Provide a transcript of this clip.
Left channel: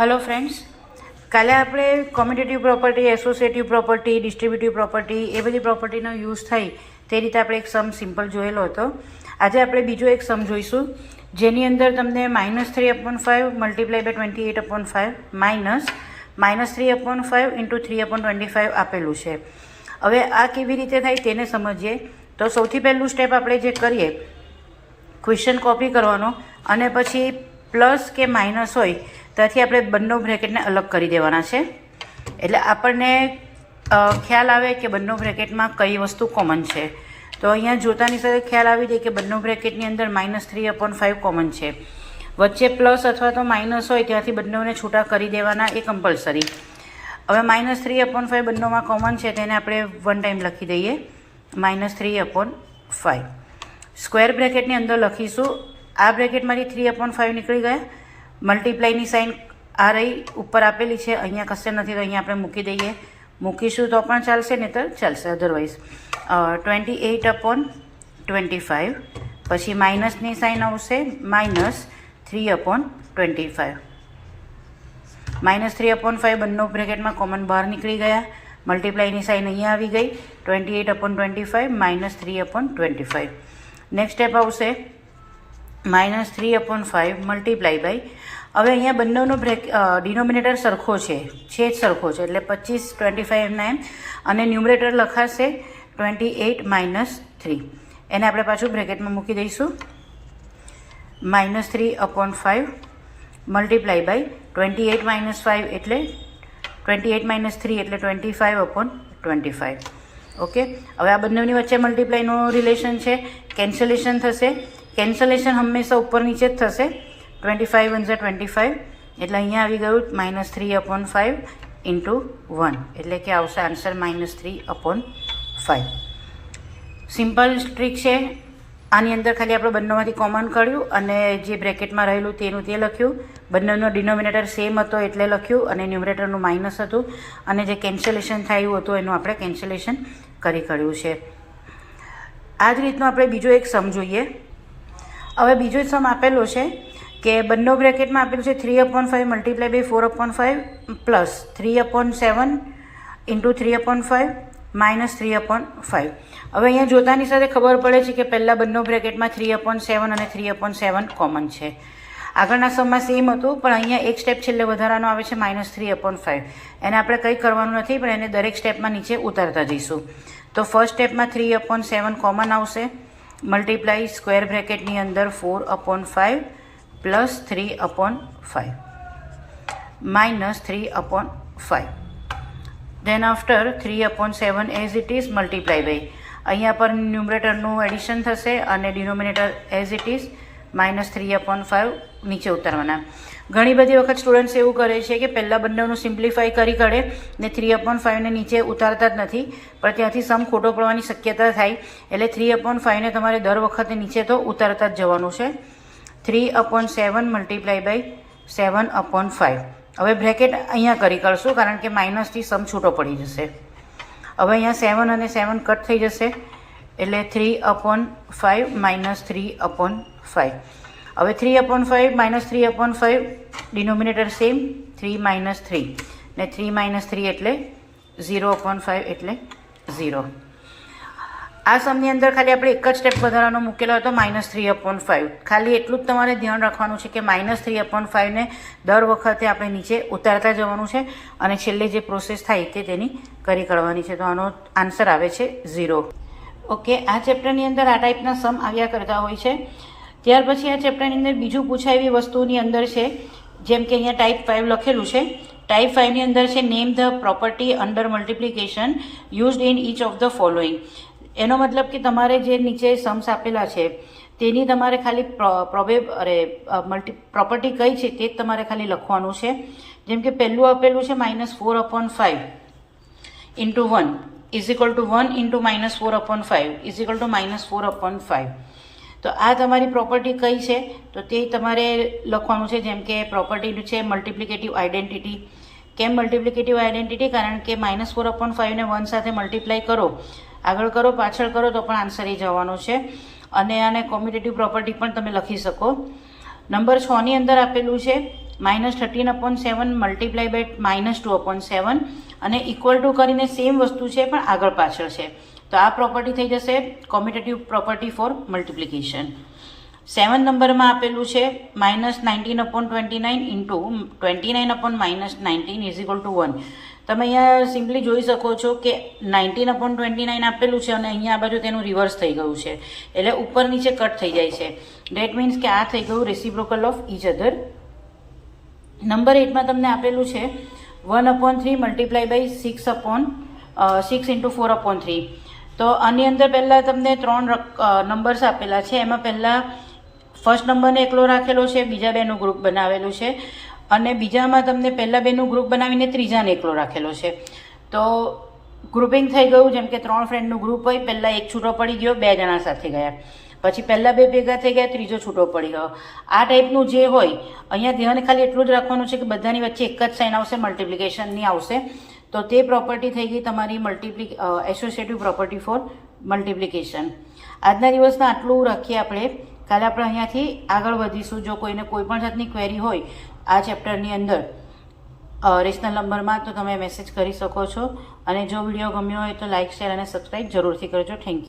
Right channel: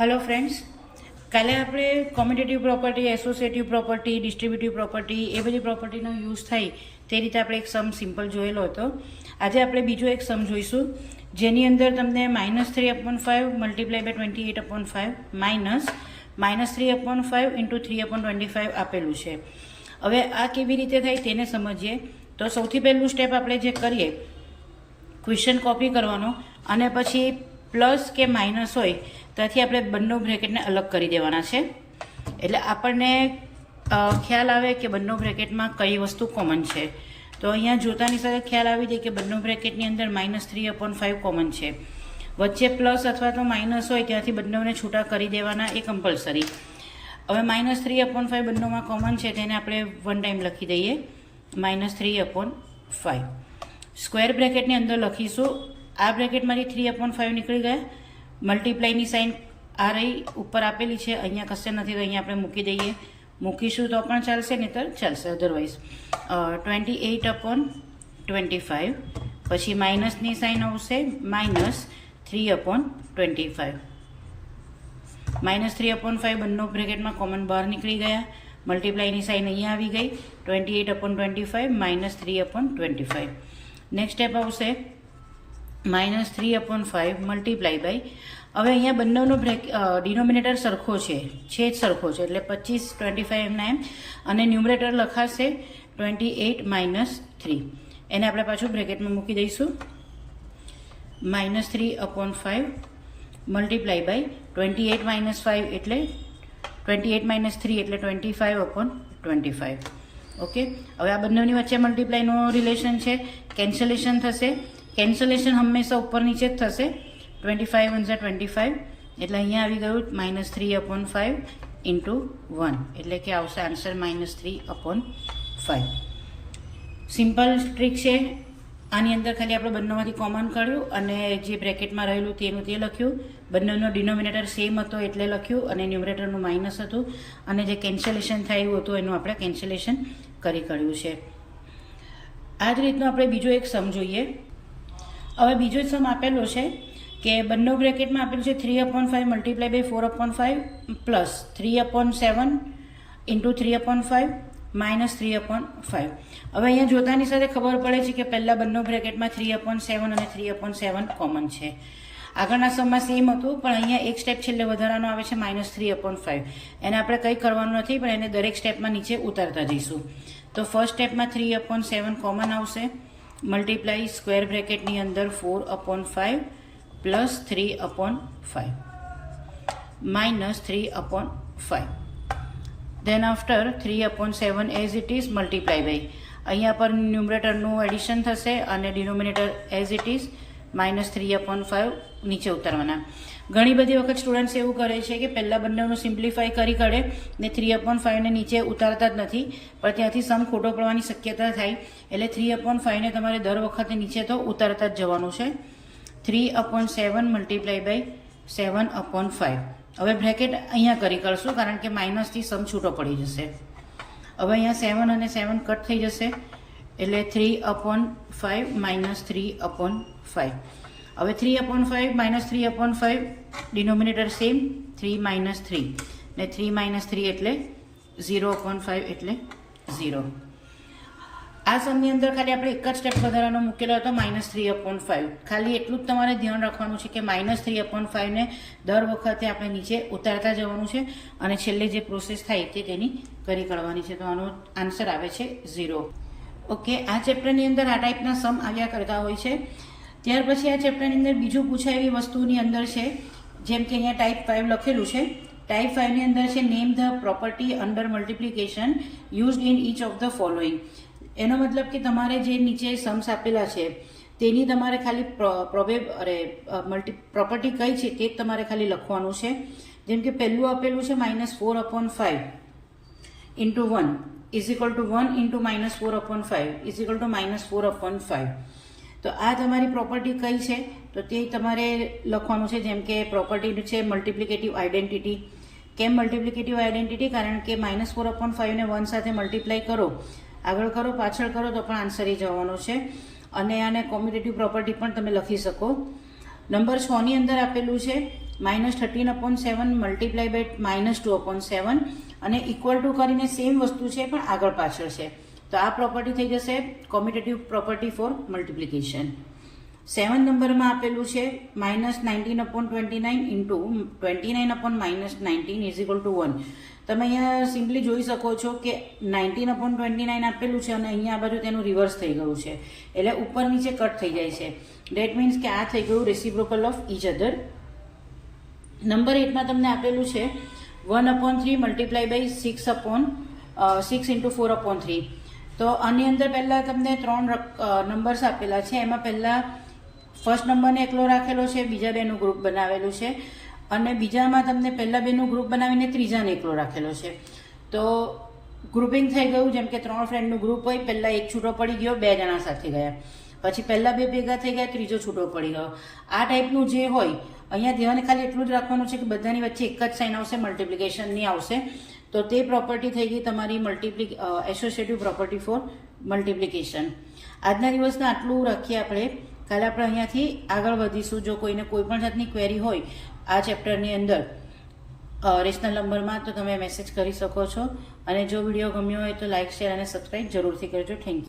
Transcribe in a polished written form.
Hello friends, काले આપણે commutative property, associative property, distributive property એ બધી પ્રોપર્ટીનો યુઝ થાય તે રીતે આપણે એક સમ સિમ્પલ જોયેલો હતો. આજે આપણે બીજો એક સમ જોઈશું જેની અંદર તમને -3/5 મલ્ટીપ્લાય બાય 28/5 -3/5 ઇન્ટુ 3/25 આપેલું છે. હવે આ કેવી રીતે થાય તેને સમજીએ. તો સૌથી પહેલું સ્ટેપ આપણે જે કરીએ, ક્વેશ્ચન કોપી કરવાનો અને પછી પ્લસ કે માઇનસ હોય ત્યાંથી આપણે બંને બ્રેકેટને અલગ કરી દેવાના છે. એટલે આપણને ખ્યાલ આવે કે બંને બ્રેકેટમાં કઈ વસ્તુ કોમન છે. તો અહીંયા જોતાની સાથે ખ્યાલ આવી જાય કે બંને બ્રેકેટની અંદર -3/5 કોમન છે. વચ્ચે પ્લસ અથવા તો માઇનસ હોય ત્યાંથી બંનેને છૂટા કરી દેવાના એ કમ્પલસરી. હવે -3/5 બંનેમાં કોમન છે તેને આપણે વન ટાઈમ લખી દઈએ, -3/5. સ્ક્વેર બ્રેકેટની અંદર લખીશું. આ બ્રેકેટમાંથી 3/5 નીકળી ગયા. મલ્ટીપ્લાયની સાઇન આ રહી ઉપર આપેલી છે, અહીંયા કશે નથી તો અહીંયા આપણે મૂકી દઈએ. મૂકીશું તો પણ ચાલશે, નહીંતર ચાલશે અધરવાઇઝ. 28/25 પછી માઇનસની સાઇન આવશે, -3/25. -3/5 બંને બ્રેકેટમાં કોમન બહાર નીકળી ગયા. મલ્ટીપ્લાયની સાઇન અહીંયા આવી ગઈ, 28/25 -3/25. નેક્સ્ટ સ્ટેપ આવશે -3/5 મલ્ટીપ્લાય બાય. હવે અહીંયા બંનેનો ડિનોમિનેટર સરખો છે જ સરખો છે, એટલે 25 25 એમના એમ, અને ન્યુમરેટર લખાશે 28 - 3. એને આપણે પાછું બ્રેકેટમાં મૂકી દઈશું. -3/5 મલ્ટીપ્લાય બાય 28 - 5 એટલે 28 - 3 એટલે 25/25. ઓકે, હવે આ બંનેની વચ્ચે મલ્ટીપ્લાયનો રિલેશન છે, કેન્સલેશન થશે. કેન્સલેશન હંમેશા ઉપર નીચે જ થશે. 25 × 25 એટલે અહીંયા આવી ગયું -3/5 ઇન્ટુ 1 એટલે કે આવશે આન્સર -3/5. સિમ્પલ ટ્રીક છે. આની અંદર ખાલી આપણે બંનેમાંથી કોમન કાઢ્યું અને જે બ્રેકેટમાં રહેલું તેનું તે લખ્યું. બંનેનો ડિનોમિનેટર સેમ હતો એટલે લખ્યું અને ન્યુમરેટરનું માઇનસ હતું, અને જે કેન્સલેશન થયું હતું એનું આપણે કેન્સલેશન કરી કાઢ્યું છે. આ જ રીતનું આપણે બીજો એક સમ જોઈએ. હવે બીજો સમ આપેલો છે કે બંને બ્રેકેટમાં આપેલું છે 3/5 મલ્ટીપ્લાય બાય 4/5 પ્લસ 3/7 ઇન્ટુ 3/5 -3/5. હવે અહીંયા જોતાની સાથે ખબર પડે છે કે પહેલાં બંને બ્રેકેટમાં 3/7 અને 3/7 કોમન છે. આગળના સમમાં સેમ હતું, પણ અહીંયા એક સ્ટેપ છેલ્લે વધારાનો આવે છે -3/5. એને આપણે કંઈ કરવાનું નથી, પણ એને દરેક સ્ટેપમાં નીચે ઉતારતા જઈશું. તો ફર્સ્ટ સ્ટેપમાં 3/7 કોમન આવશે, મલ્ટીપ્લાય સ્ક્વેર બ્રેકેટની અંદર 4/5 plus 3/5 -3/5. Then after 3/7 as it is multiply by. અહીંયા પર ન્યુમરેટરનું એડિશન થશે અને ડિનોમિનેટર એઝ ઇટ ઇઝ -3/5 નીચે ઉતારવાના. ઘણી બધી વખત સ્ટુડન્ટ્સ એવું કરે છે કે પહેલાં બંનેનું સિમ્પ્લિફાય કરી કાઢે ને 3/5 ને નીચે ઉતારતા જ નથી, પણ ત્યાંથી સમ ખોટો પડવાની શક્યતા થાય. એટલે 3/5 ને તમારે દર વખતે નીચે તો ઉતારતા જ જવાનું છે. 3/7 મલ્ટીપ્લાય બાય 7/5. હવે બ્રેકેટ અહીંયા કરી કાઢશું કારણ કે માઇનસથી સમ છૂટો પડી જશે. હવે અહીંયા 7 અને 7 કટ થઈ જશે એટલે 3/5 -3/5. હવે 3/5 -3/5 ડિનોમિનેટર સેમ, 3 - 3 ને 3 - 3 એટલે 0/5 એટલે 0. આ સમની અંદર ખાલી આપણે એક જ સ્ટેપ વધારાનો મૂકેલો હતો -3/5. ખાલી એટલું જ તમારે ધ્યાન રાખવાનું છે કે -3/5 ને દર વખતે આપણે નીચે ઉતારતા જવાનું છે અને છેલ્લે જે પ્રોસેસ થાય તે તેની કરી કાઢવાની છે. તો આનો આન્સર આવે છે 0. ઓકે, આ ચેપ્ટરની અંદર આ ટાઈપના સમ આવ્યા કરતા હોય છે. ત્યાર પછી આ ચેપ્ટરની અંદર બીજું પૂછાય એવી વસ્તુની અંદર છે, જેમ કે અહીંયા ટાઈપ 5 લખેલું છે. ટાઈપ 5ની અંદર છે name the property under multiplication used in inch of the following. એનો મતલબ કે તમારે જે નીચે સમ્સ આપેલા છે તેની તમારે ખાલી પ્રોપર્ટી કઈ છે તે જ તમારે ખાલી લખવાનું છે. જેમ કે પહેલું આપેલું છે -4/5 into 1 is equal to 1 into -4/5 is equal to -4/5. તો આ તમારી પ્રોપર્ટી કઈ છે તો તે તમારે લખવાનું છે. જેમ કે પ્રોપર્ટી છે મલ્ટિપ્લિકેટિવ આઇડેન્ટિટી. કેમ મલ્ટિપ્લિકેટિવ આઇડેન્ટિટી? કારણ કે -4/5 ને 1 સાથે મલ્ટીપ્લાય કરો, આગળ કરો પાછળ કરો તો પણ આન્સર એ જવાનો છે. અને આને કોમ્યુટેટિવ પ્રોપર્ટી પણ તમે લખી શકો. નંબર 6 ની અંદર આપેલું છે -13/7 મલ્ટીપ્લાય બાય -2/7 અને ઇક્વલ ટુ કરીને સેમ વસ્તુ છે પણ આગળ પાછળ છે. તો આ પ્રોપર્ટી થઈ જશે કોમ્યુટેટિવ પ્રોપર્ટી ફોર મલ્ટિપ્લિકેશન. 7 નંબરમાં આપેલું છે -19/29 ઇન્ટુ 29/-19 ઇઝ ઇક્વલ ટુ 1. તમે અહીંયા સિમ્પલી જોઈ શકો છો કે 19/29 આપેલું છે અને અહીંયા આ બાજુ તેનું રિવર્સ થઈ ગયું છે, એટલે ઉપર નીચે કટ થઈ જાય છે. ડેટ મીન્સ કે આ થઈ ગયું reciprocal of each other. Number 8માં તમને આપેલું છે 1/3 મલ્ટીપ્લાય બાય 6 ઇન્ટુ 4/3. તો આની અંદર પહેલાં તમને 3 નંબર્સ આપેલા છે. એમાં પહેલાં ફર્સ્ટ નંબરને એકલો રાખેલો છે, બીજા બેનું ગ્રુપ બનાવેલું છે, અને બીજામાં તમને પહેલાં બેનું ગ્રુપ બનાવીને ત્રીજાને એકલો રાખેલો છે. તો ગ્રુપિંગ થઈ ગયું, જેમ કે 3 ફ્રેન્ડનું ગ્રુપ હોય, પહેલાં એક છૂટો પડી ગયો, 2 જણા સાથે ગયા, પછી પહેલાં 2 ભેગા થઈ ગયા, ત્રીજો છૂટો પડી ગયો. આ ટાઈપનું જે હોય અહીંયા ધ્યાન ખાલી એટલું જ રાખવાનું છે કે બધાની વચ્ચે એક જ સાઇન આવશે, મલ્ટિપ્લિકેશનની આવશે. તો તે પ્રોપર્ટી થઈ ગઈ તમારી એસોસિએટિવ પ્રોપર્ટી ફોર મલ્ટિપ્લિકેશન. આજના દિવસના આટલું રાખીએ આપણે. કાલે આપણે અહીંયાથી આગળ વધીશું. જો કોઈને કોઈ પણ જાતની ક્વેરી હોય આ ચેપ્ટરની અંદર રેશનલ નંબરમાં, તો તમે મેસેજ કરી શકો છો. અને જો વિડીયો ગમ્યો હોય તો લાઇક, શેર અને સબસ્ક્રાઈબ જરૂરથી કરજો. Thank you.